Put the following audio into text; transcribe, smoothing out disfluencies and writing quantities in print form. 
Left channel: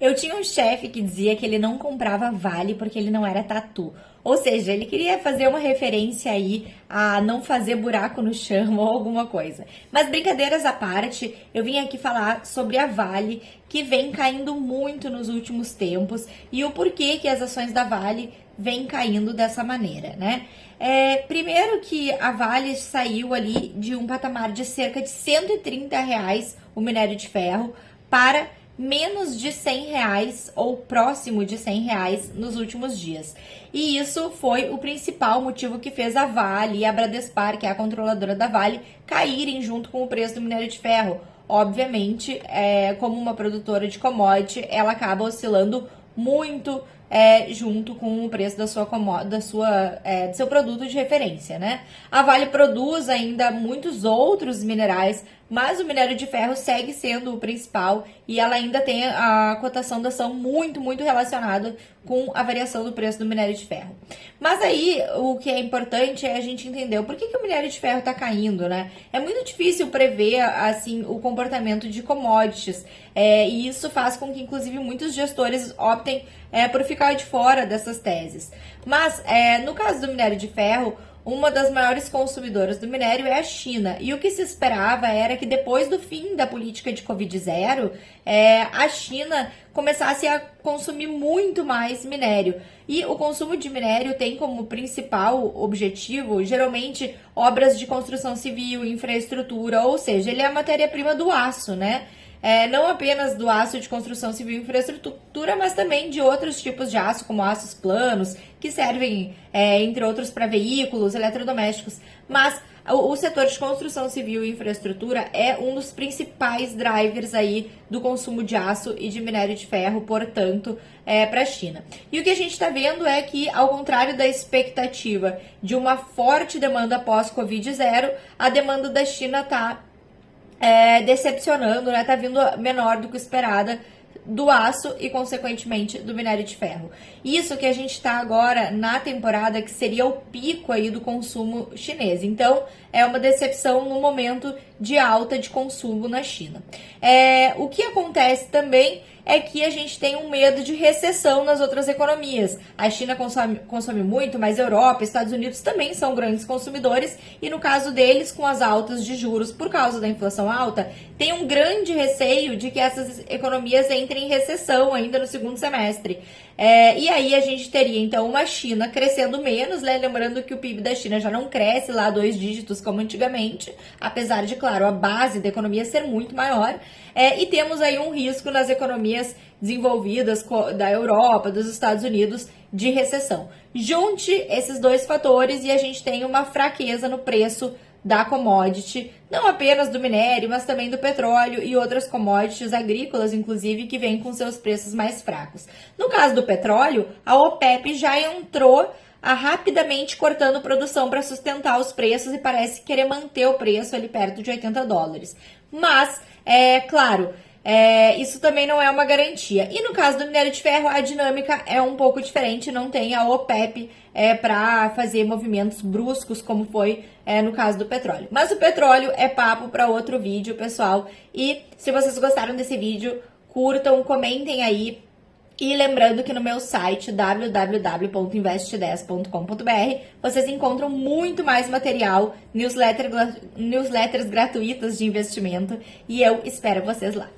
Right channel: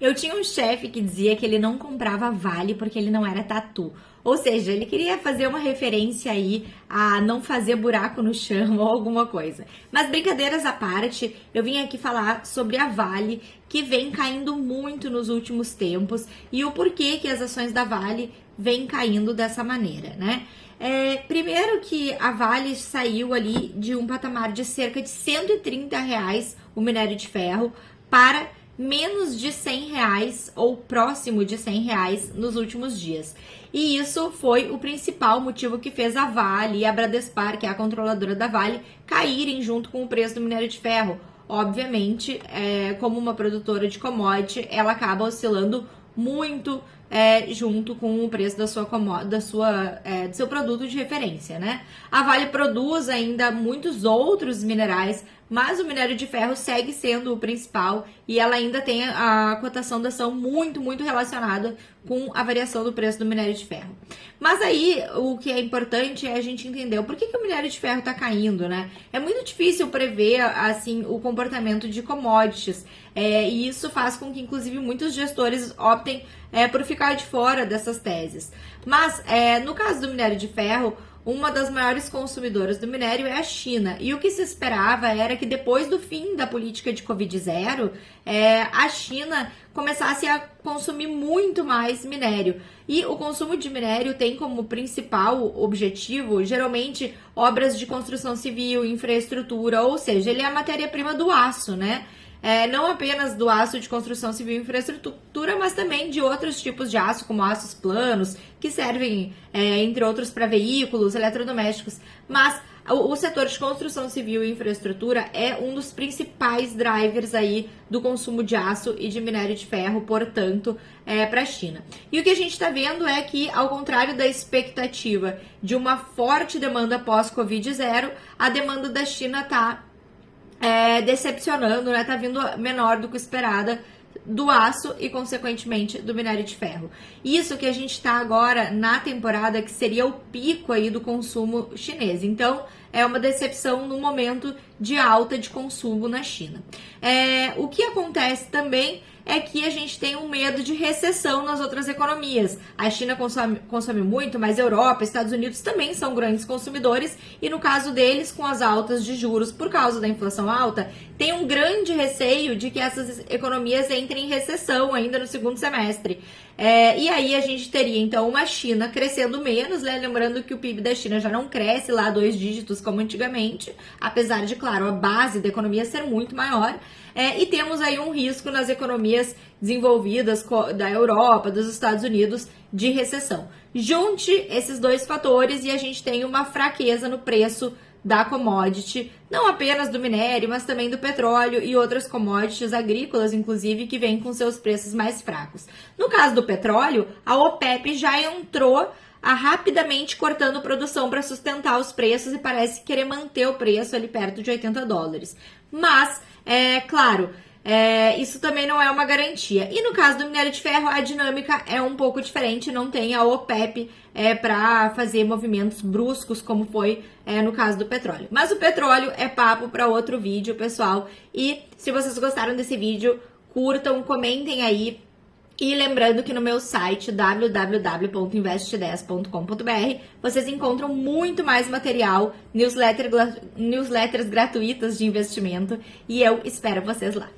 Eu tinha um chefe que dizia que ele não comprava Vale porque ele não era tatu. Ou seja, ele queria fazer uma referência aí a não fazer buraco no chão ou alguma coisa. Mas brincadeiras à parte, eu vim aqui falar sobre a Vale, que vem caindo muito nos últimos tempos e o porquê que as ações da Vale vêm caindo dessa maneira, né? Primeiro que a Vale saiu ali de um patamar de cerca de R$ 130 o minério de ferro para menos de R$ 100 ou próximo de R$ 100 nos últimos dias. E isso foi o principal motivo que fez a Vale e a Bradespar, que é a controladora da Vale, caírem junto com o preço do minério de ferro. Obviamente, como uma produtora de commodity, ela acaba oscilando muito junto com o preço do seu produto de referência, né? A Vale produz ainda muitos outros minerais, mas o minério de ferro segue sendo o principal e ela ainda tem a cotação da ação muito, muito relacionada com a variação do preço do minério de ferro. Mas aí, o que é importante é a gente entender por que o minério de ferro está caindo, né? É muito difícil prever, assim, o comportamento de commodities, e isso faz com que, inclusive, muitos gestores optem por ficar de fora dessas teses. Mas, no caso do minério de ferro, uma das maiores consumidoras do minério é a China. E o que se esperava era que depois do fim da política de Covid-0, a China começasse a consumir muito mais minério. E o consumo de minério tem como principal objetivo, geralmente, obras de construção civil, infraestrutura, ou seja, ele é a matéria-prima do aço, né? Não apenas do aço de construção civil e infraestrutura, mas também de outros tipos de aço, como aços planos, que servem, entre outros, para veículos, eletrodomésticos. Mas o setor de construção civil e infraestrutura é um dos principais drivers aí do consumo de aço e de minério de ferro, portanto, para a China. E o que a gente está vendo é que, ao contrário da expectativa de uma forte demanda pós-Covid-0, a demanda da China está decepcionando, né? Tá vindo menor do que esperada do aço e, consequentemente, do minério de ferro. Isso que a gente está agora na temporada que seria o pico aí do consumo chinês. Então, é uma decepção no momento de alta de consumo na China. O que acontece também é que a gente tem um medo de recessão nas outras economias. A China consome muito, mas a Europa e Estados Unidos também são grandes consumidores e, no caso deles, com as altas de juros por causa da inflação alta, tem um grande receio de que essas economias entrem em recessão ainda no segundo semestre. E aí a gente teria, então, uma China crescendo menos, né? Lembrando que o PIB da China já não cresce lá 2 dígitos como antigamente, apesar de, claro, a base da economia ser muito maior. E temos aí um risco nas economias desenvolvidas da Europa, dos Estados Unidos, de recessão. Junte esses dois fatores e a gente tem uma fraqueza no preço da commodity, não apenas do minério, mas também do petróleo e outras commodities agrícolas, inclusive, que vêm com seus preços mais fracos. No caso do petróleo, a OPEP já entrou rapidamente cortando produção para sustentar os preços e parece querer manter o preço ali perto de $80. Mas, claro, isso também não é uma garantia. E no caso do minério de ferro, a dinâmica é um pouco diferente, não tem a OPEP para fazer movimentos bruscos, como foi no caso do petróleo. Mas o petróleo é papo para outro vídeo, pessoal. E se vocês gostaram desse vídeo, curtam, comentem aí. E lembrando que no meu site www.investe10.com.br vocês encontram muito mais material, newsletters gratuitas de investimento, e eu espero vocês lá.